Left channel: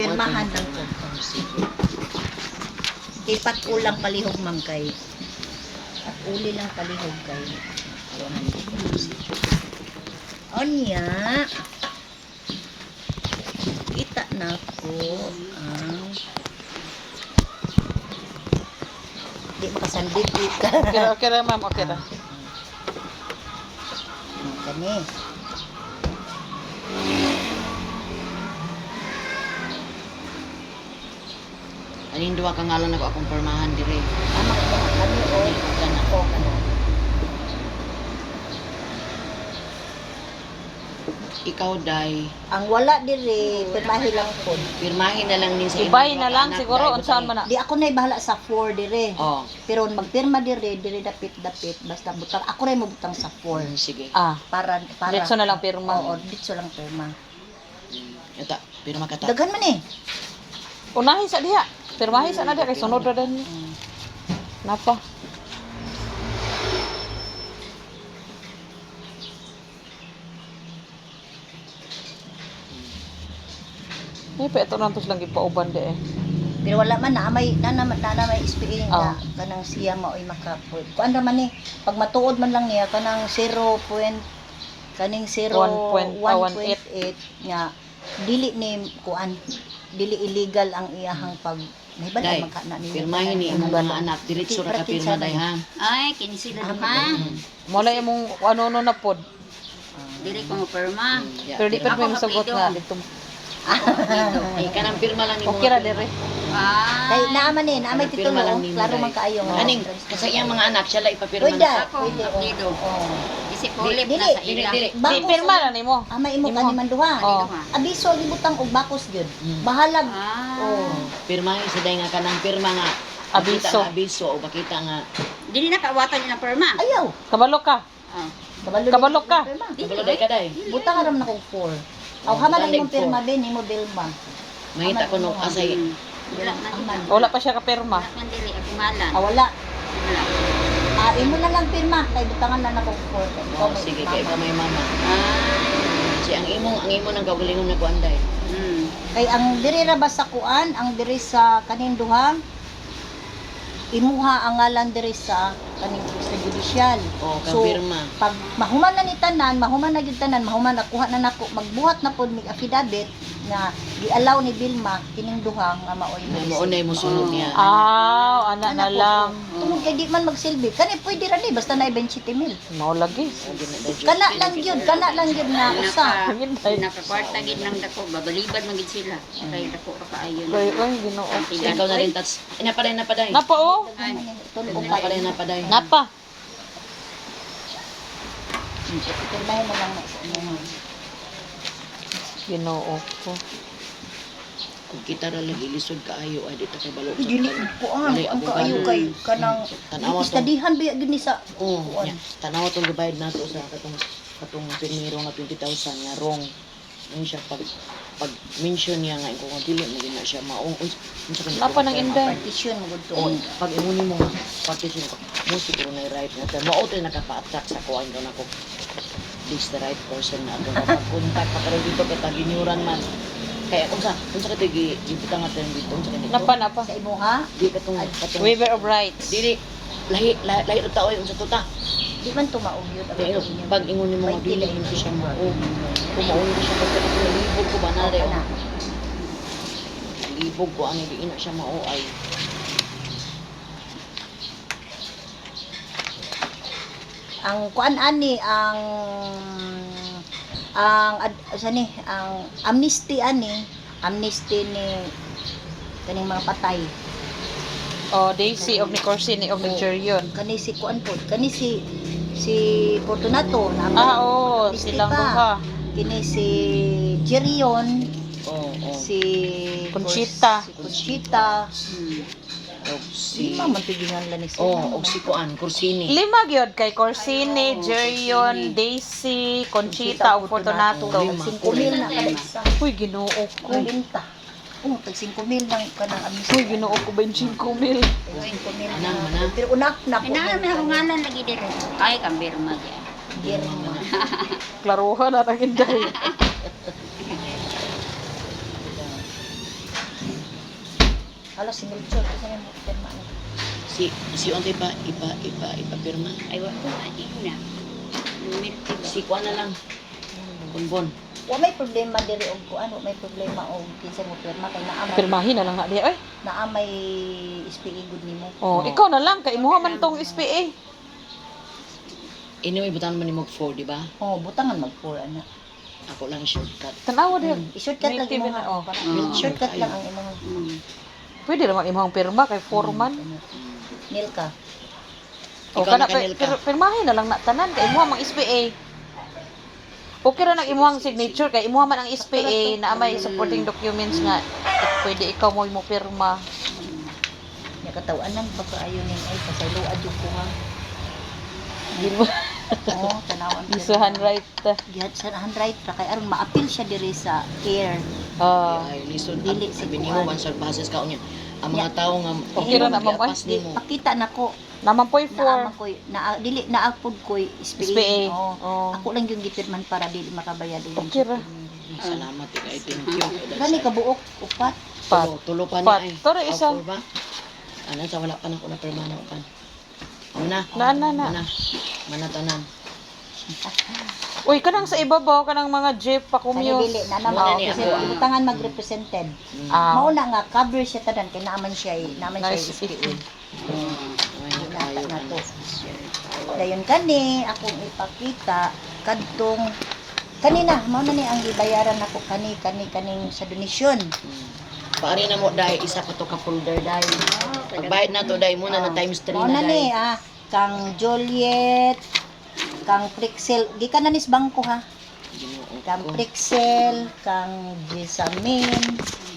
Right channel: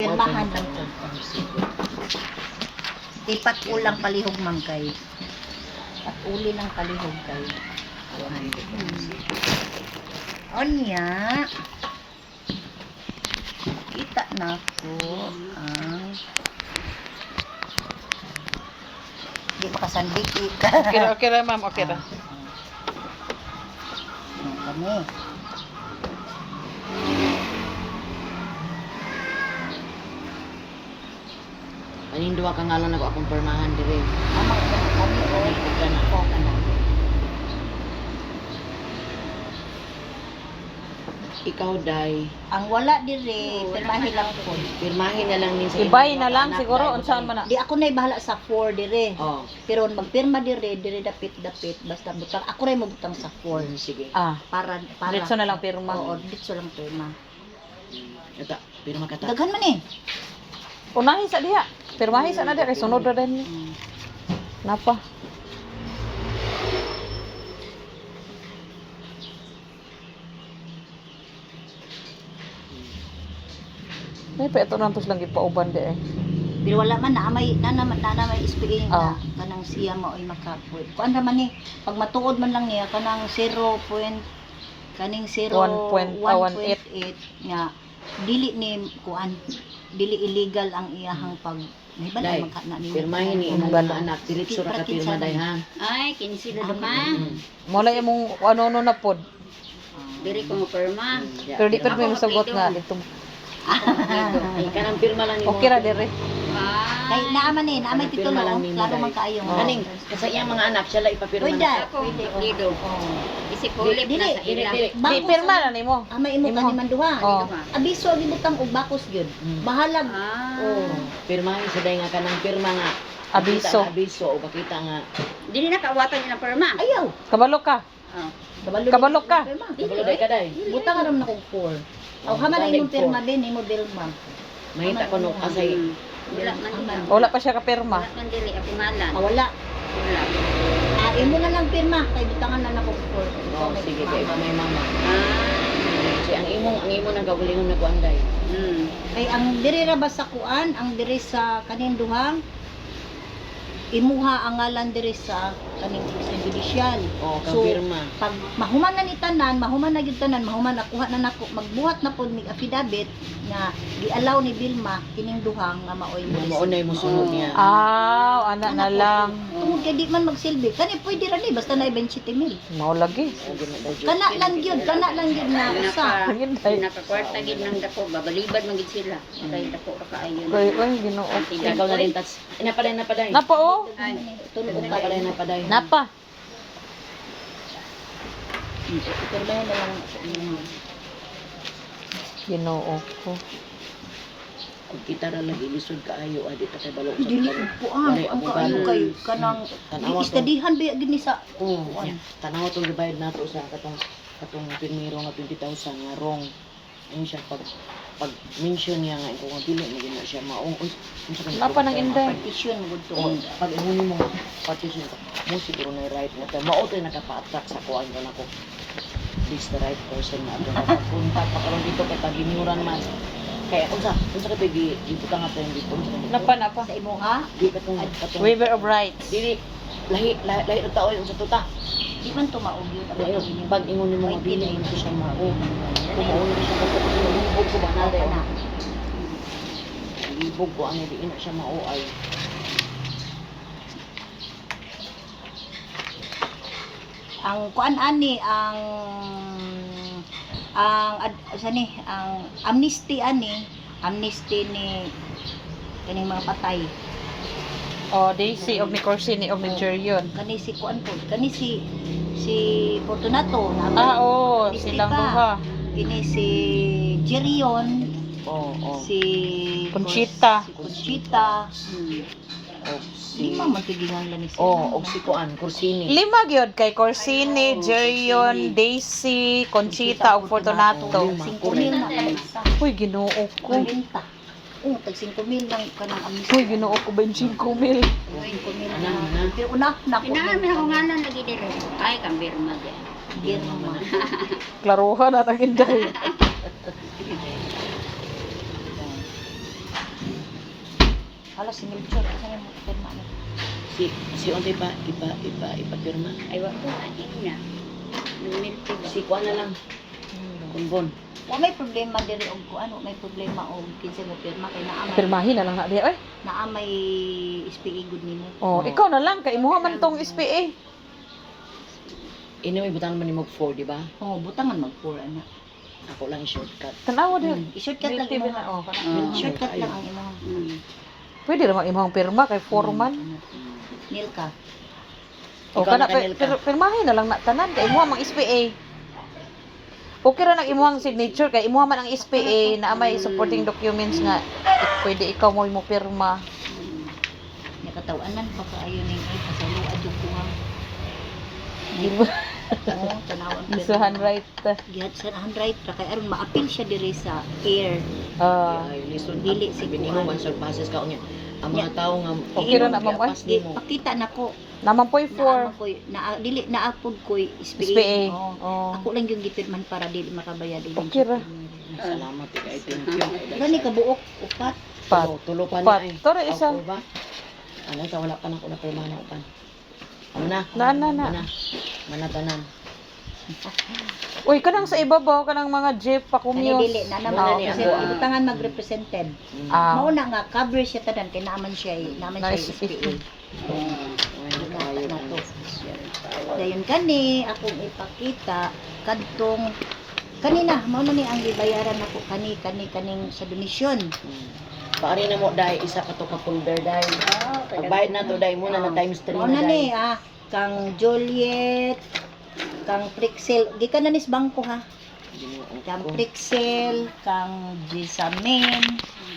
Pirmahan lang ko. Ipat ulang palihog man kay. At uli lang palihog kay. Onya. Kita na ko. Di makasandit kita. Okay na ma'am, okay na. Kani. Aning duwa ka ngalan ako akong permahan dire. Ama ko kami o kana ko kana. Ikaw day, Ang wala dire pirmahi lang ko. pirmahin na lang nin sa Ibay imong na lang anak, siguro day, unsaon man na. Di ako na bahala sa 4 dire. Oh, Pero magpirma dire dapit basta butang ako rin mo butang sa 4 sige. para Diretso na lang pirma. Oo, ditso lang pirma. Ito, pirma ka ta. Daghan man eh. Unahi sa diha. Pirmahi sa na diha kay sunod na din. Napa? Ay, pa ito lang lang gipauban di eh. Pero wala man na may SPA Oh. na kanang siya maoy makapoy. Kuan ra man ni pag matuod man lang niya kanang 0. Kaning 0.1.8 nya dili ni kuan dili illegal ang iyahang pag may ba Day, magka na ni pirmahin ni imong mga anak diretso ra ka pirma day ha. Ay, kini sila duha. Mula imong ano na pod. Diri ko mo perma. Yeah, Pero di pa Ako mo sagot kapido. na dito. Ako dito. kanang pirma lang nimo. Okay ra dire. kay Ay, naaman ni naamay Ano, pirma titulo lang ni klaro Maday. man kaayo. Kaning kasi iyang mga anak siya lang ipapirma Uy, na. da. ako kapido. Oh. Isip ulip na sa Dili, ila. dili. Di Bakos pirma na nimo. Ama imo kaniman duha. Oh. Abiso gibutang og bakos gyud. Bahalag. Ah. Pirmahin sa day nga kanang pirma nga. Abiso. Makita nga abiso o makita nga Dili na kaawatan niya ng perma. Ayaw. Kabalo ka. Ah. Kabalo ka. Kabalo day ka day. Butang aram na kog 4. Aw hama na imong pirma din imo Dilma. Mahita ko no asay Wala man diha. Wala pa siya ka pirma. Wala man diri ako malan. Wala. Wala. Imo na lang pirma kay butangan na nako 4. Oh, sige kay ka may mama. Ah. Si ang imong ang kaugalingon na kuanday. Kay ang diri ra ba sa kuan, ang diri sa kaning duha imuha ang ngalan diri sa kaning judicial. Oh, kampirma. Pag mahuman na ni tanan, mahuman na gyud tanan, mahuman na kuha na nako, magbuhat na pod mig affidavit nga gi-allow ni Vilma kining duha nga maoy Nga diri. maunay mo sunod niya. Ana na lang. Tungod kay di man magsilbi. Kani pwede ra ni basta na 20,000. Mao lagi. Kana lang gyud nga usa. Nakakwarta gid nang dako, babalibad man gid sila. Kay dako ra kaayo. Oy, Ginoo. Ikaw na rin tats. Napaday napaday. Napa oh. Ay, Tulog ka. Napaday napaday. Napa. Pirmahin na lang sa inyo. Ginoo ko. Kung kita ra lagi lisod kaayo adi ta kay balo sa Dili kanan. puan. Walay Ang abogado. kaayo kay kanang Tanawa to. istadihan ba gini sa Oh, tanaw tong gibayad nato sa katong pirmiro nga 20,000 nga wrong. Ano siya pag mention niya nga kung ang dili mo gina siya maong unsa ka Napa nang inda. petition mo gud Oh, to. pag imuni mo partition ko, mo siguro na right na tayo. Mao tayo nakapa-attract sa kuhaan ko na ko. This the right person na ato mapagpunta pa karon dito kay ginuran man. Kaya unsa ka tayo gibutang ato dito unsa kanito. Napa. Sa imo ha? Di katong Waiver of rights. dili lahi ug tao unsa tuta. Di man to maog yun. Pero pag ingon nimo nga dili man siya mao. Kumaon siya pag libog ko ba na rin. Libog ko ani di ina siya mao ay. Ang kuan ani ang amnesty ni kaning mga patay. Oh, Daisy of Nicorsini of Nigerian. Kani si kuan po, kani si Fortunato na Oo, amnesty silang pa. duha. Kini si Jerion, Oh, si Conchita. si Conchita, og si lima man tigingan lang ni siya. og si kuan Corsini. Lima gyud kay Corsini, Jerion, Daisy, Conchita ug Fortunato. Lima. 5,000 na kada isa. Uy, Ginoo ko. 40. Tag 5,000 lang kanang amnesty. Uy, Ginoo ko 25,000. 5,000 Manang. Pero unak na ko. Inaan man ako ngalan lagi diri. Ay, kambirma diyan. Jerion. Klaruhan at ang inday. Hala si Melchor kaya mo pirma ni. Si Ontay pa ipapirma. Ay, wag ko maing na. Lumilti ba? Si Kuan na lang. Bonbon. Wa may problema diri og kuan, wa may problema og kinsa mo pirma kay naa may Pirmahin na lang nga diha. Ay, naa may SPA good nimo. oh, ikaw na lang kay imuha man tong SPA. Anyway, butan man ni mo 4, di ba? Oh, butangan mag-pour ana. Ako lang shortcut. Tanawa diha. I-shortcut lang Milky imo ba na, oh. Shortcut lang ang imo. Pwede naman imong pirma kay foreman. Nilka. O Ikaw kana na kanil ka. pirmahin na lang na tanan kay imuha mang SPA. Okay ra nang imuhang signature kay imuha man ang SPA na may supporting documents nga pwede ikaw mo pirma. Nakatawanan pa kaayo ning ay pasaluad yung kuha. Dili Oo, tanawan. Isuhan right. Gihat sa handwrite ra kay aron ma-appeal siya diri sa care. Ay, listen, Dili sabi si nimo Kuan. man sa basis ka unya. Ang mga tao nga Okay ra na, ma'am, giapas nimo. Pakita nako Naman po'y na for koy na dili na apod koy SPA. SPA. Oo. Oh. Ako lang yung gipirman para dili makabayad og Okay ra. Salamat kay thank you. Gani ka buok upat. Pat. Tulo pa Pat. niya eh. Tara, isa. Ako ba? Ano sa wala pa na ko na permana upan. Amo na. Na. Manatanan. Uy, kanang sa ibabaw kanang mga jeep pa Kani kumyo. dili na Wala naman ni kasi ako, ah. butangan mag-represented. Ah. Mauna nga cover siya tanan kay naman siya Nice. SPA. Ay, tayo na na. to. Dayon kani akong ipakita kadtong kanina mao na ni ang gibayaran nako kaning sa donasyon. Paari na mo dai isa ka to ka folder dai. Pagbayad na to dai muna na times 3 Mao na na ni dai. kang Juliet, kang Prixel, di ka na nis bangko ha. Ginoo Kang ko. Prixel, kang Jisamin,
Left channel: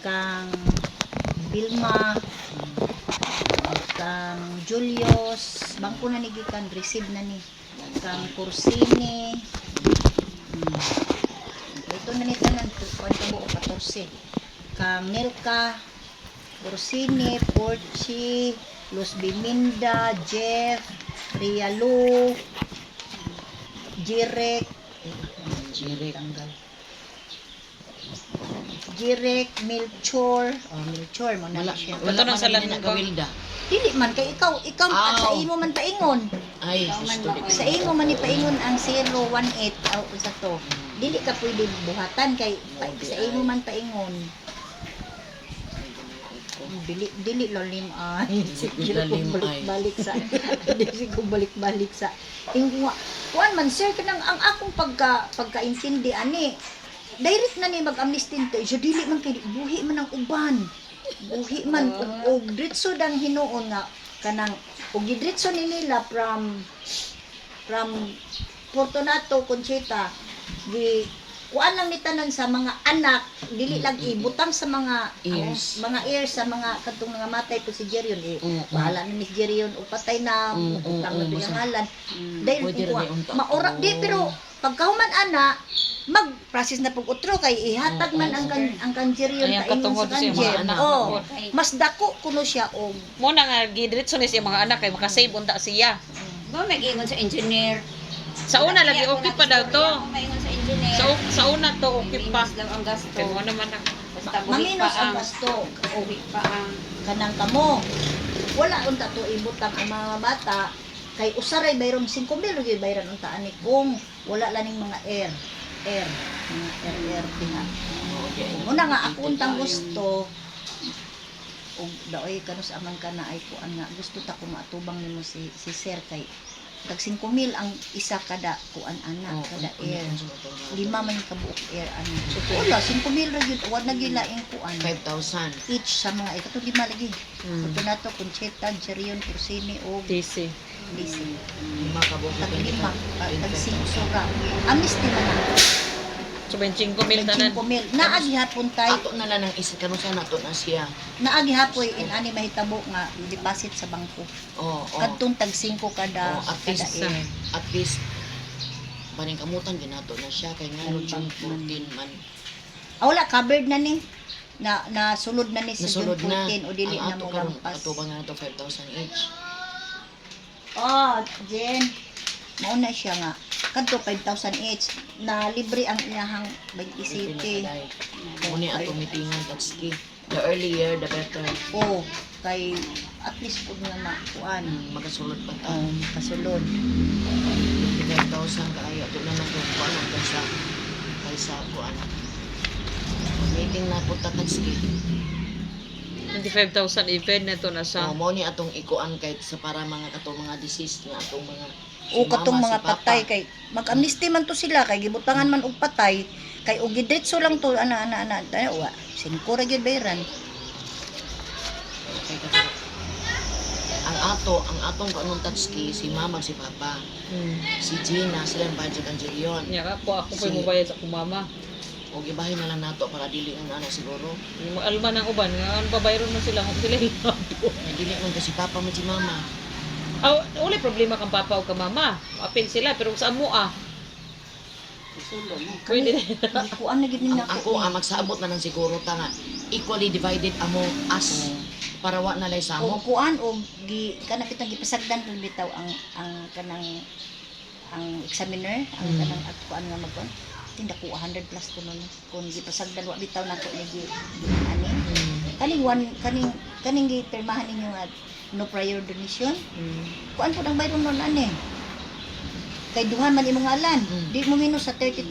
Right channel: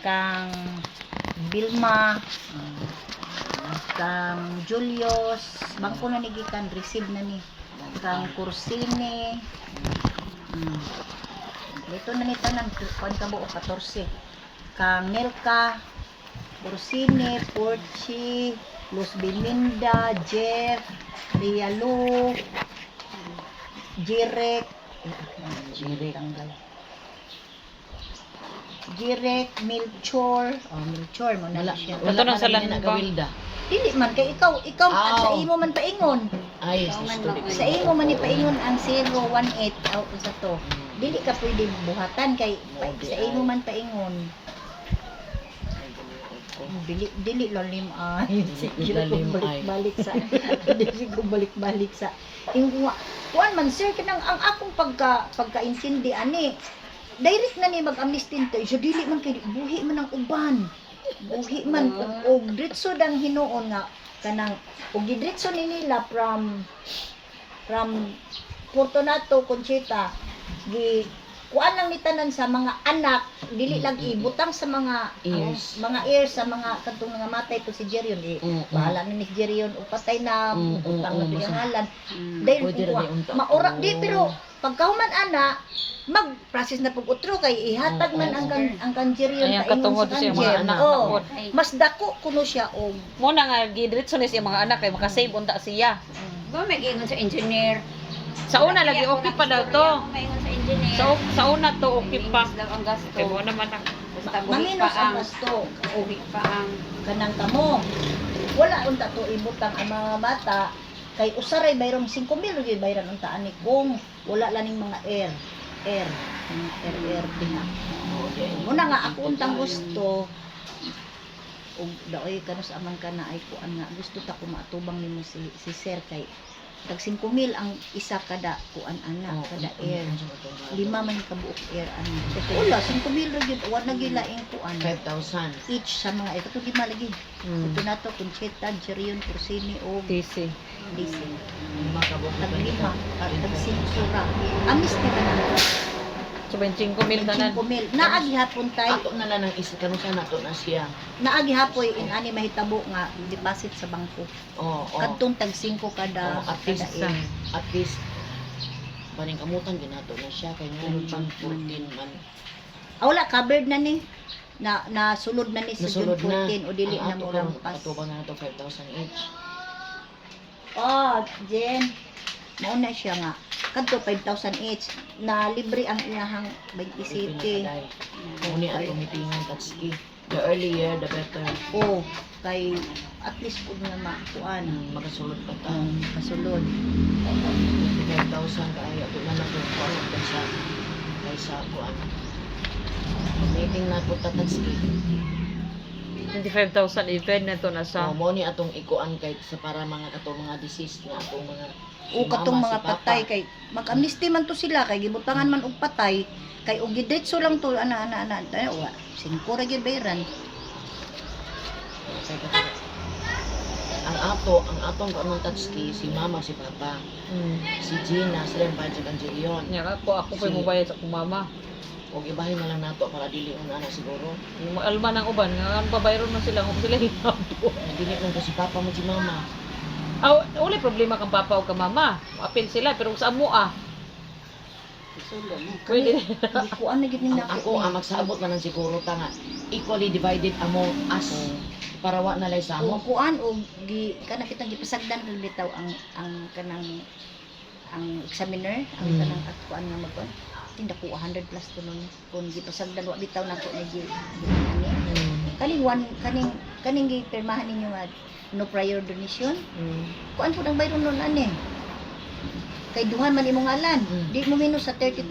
kang Bilma, kang Julius, bangko na ni gikan receive na ni. Kang Kursini. Ito na ni tanan kuan ka buo 14. Kang Nelka, Kursini, Porchi, Luz Biminda, Jeff, Rialo, Jirek, Jirek, Melchor, Melchor mo na Wala siya. wala Ito na man sa na lang nagawilda. Dili man kay ikaw Aw. sa imo man paingon. Ay, Ikaw man sorry. ba, Sa imo man ni paingon ang 018 sa to. Dili ka pwede buhatan kay sa imo man paingon. Dili lalim ay. Dili lalim ko ay. balik sa dili ko balik sa ingwa. Kuan man sir kanang ang akong pagkaintindi ani. Direct na ni mag-amnesty to. So dili man kay buhi man ang uban. Buhi man og diretso dang hinuon nga kanang og diretso ni nila from Fortunato Conchita we kuan lang ni tanan sa mga anak dili lang ibutang sa mga Heirs. mga heirs sa mga kadtong mga matay po si Jerion bahala na ni Jerion o patay na utang na pinangalan dahil Pwede rin kuha yung unta. maura di pero pagkahuman ana mag-process na pag utro kay ihatag man ang kanjeriyon Ayan, kaingon katungod sa sa mga kanjer anak. oh mas dako kuno siya og Mo na nga gidiretso ni siya mga anak kay makasave unta siya. Ba, mag-ingon sa engineer. Sa una lagi okay pa daw to. Mag-ingon sa engineer. Sa una to okay pa. Minus daw ang gasto. Kay mo naman na. Basta buhi pa maminos ang ang gasto buhi pa ang kanang kamo wala unta to ibutang ang mga bata kay usaray bayron 5,000 gyud bayran unta ani kung wala laning mga air dinha muna nga ako untang gusto og daoy kanus amang kana ay kuan nga gusto ta ko maatubang nimo si sir kay tag 5,000 ang isa kada kuan anak kada air 5 man kabuok air ano so wala 5,000 ra gyud wa na gilaing kuan 5,000. each sa mga ito 5 lagi ito na to Concheta, Jerion, Cursini o DC. DC Lima ka buong tag 5 tag 5 sura amnesty na lang So 25,000 tanan. 5,000 naagi hapon tay Ato na lang ang isa kanun siya nato na siya. naagi hapoy in ani mahitabo nga deposit sa bangko Oo. kadtong tag 5 kada At least baning kamutan din nato na siya kay ngayon June 14 man. wala covered na ni na sulod na ni si June Nasulod na. 14 o dili na Ang ato mo karon lampas atubang na nato 5,000 each. oh Jen mauna siya nga kadto 5,000 each na libre ang iyahang Isipin na city. kaday. Muni ang tumitingan pagski. The earlier, the better. O kay at least pud nga makuan Makasulod pa ta. ang kasulod. 5,000 kaayo. Ito na lang kung paano kaysa kuan. Making na po tatagski. 25,000 even na to na sa. Mo ni atong ikuan kay sa para mga katong mga disease nga atong mga O katong mama, mga si papa. patay kay mag-amnesty man to sila kay gibutangan man og patay kay og gidretso lang to ana tayo wa 5 ra gyud bayran. Okay, kasi ang atong kanong tatski si mama si papa si Gina sila ang budget ang Jillion Nya ako pa mo bayad sa akong mama. o ibahin na lang nato para dili ang ana siguro Yung alma ng uban nga ang babayron man sila kung sila hilabo. dili man ko si papa mo si mama Uli problema kang papa o kang mama. Apil sila pero sa amo Sulo mo. Pwede. Kuan na gid ni nako. ako ang magsaabot na lang siguro ta nga equally divided among us para wa na lay sa O amo kuan og gi kana kitang gipasagdan rin bitaw ang kanang ang examiner ang kanang at kuan nga magkuan. Tinda ko 100 plus to nun kung gipasagdan wa bitaw nako ni ani. Kaning gipirmahan ninyo nga no prior donation. Kuan pud ang bayron nun ani. Kay duhan man imong alan. Di mo minus sa 30,000.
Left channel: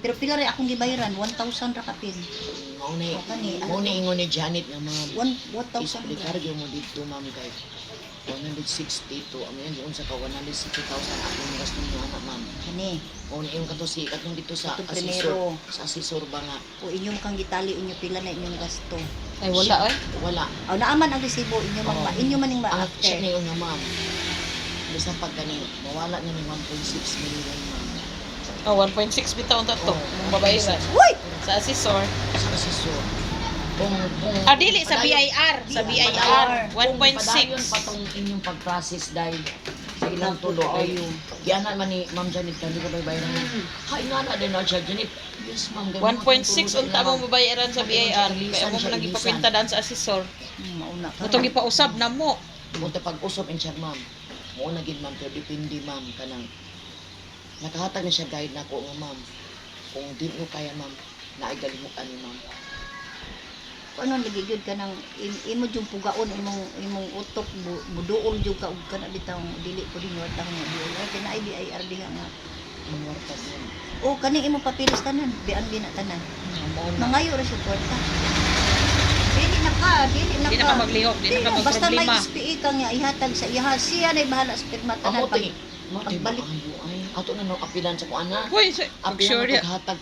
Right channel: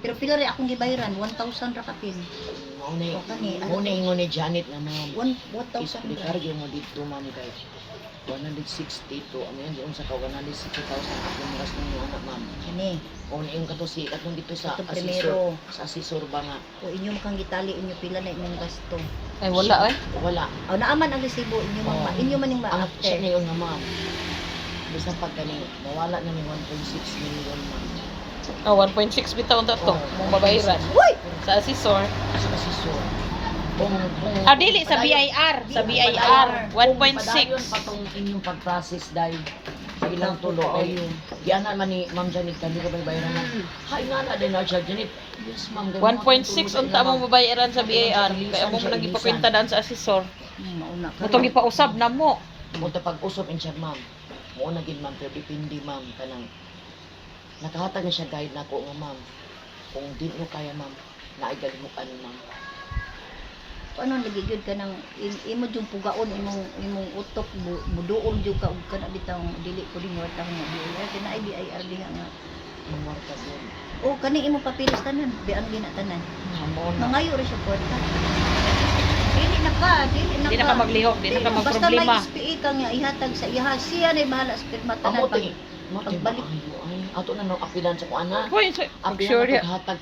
Pero pila rin akong gibayaran 1,000 ra kapin. mao na ingon ni Janet nga mga 1,000. Isplikaryo mo dito ma'am kay 162 amo yan yung sa ka 160,000 akong gasto ni anak ma'am Kani. o yung kato si katong dito sa Katong asesor primero. sa asesor ba nga O inyong kang gitali inyo pila na inyong gasto. Ay wala eh. wala O naaman ang resibo inyo Oo. inyo man yung ang siya ma-after. na yung nga ma'am basta pag kani mawala na ng 1.6 million ma'am 1.6 bitaw ang tato. Oo, Mong babayaran. Uy! Sa asesor. sa asesor kung Dili sa BIR. Sa BIR. padayon 1.6. patong inyong pag-process dahil sa ilang tulo ay yan naman ni Ma'am Janet hindi ko ba bayaran na hay nga na din na siya Janet yes ma'am 1.6 unta mong babayaran sa BIR. Kaya mo nang ipakwenta daan sa asesor. Mauna ka. Mutong ipausab na mo. Munta pag-usap in siya ma'am mo na gid ma'am pero depende ma'am kanang nakahatag na siya guide nako nga ma'am kung di mo kaya ma'am naigalimukan ni ma'am Ano lagi jud ka nang imo jud pugaon imong utok buduol jud ka ug kana bitaw dili ko din wata nga diol kay na BIR diha nga. mangwarta din O kani imo papilis tanan bian din na tanan. Mangayo ra sa kwarta. Dili na ka. Di na ka maglihok. Di na ka Basta may magproblema. SPE ka nga ihatag sa iha siya na bahala sa pirma tanan amo pag ti pagbalik. ayo ay ato na no apilan sa kuana Hoy, apilan sure na paghatag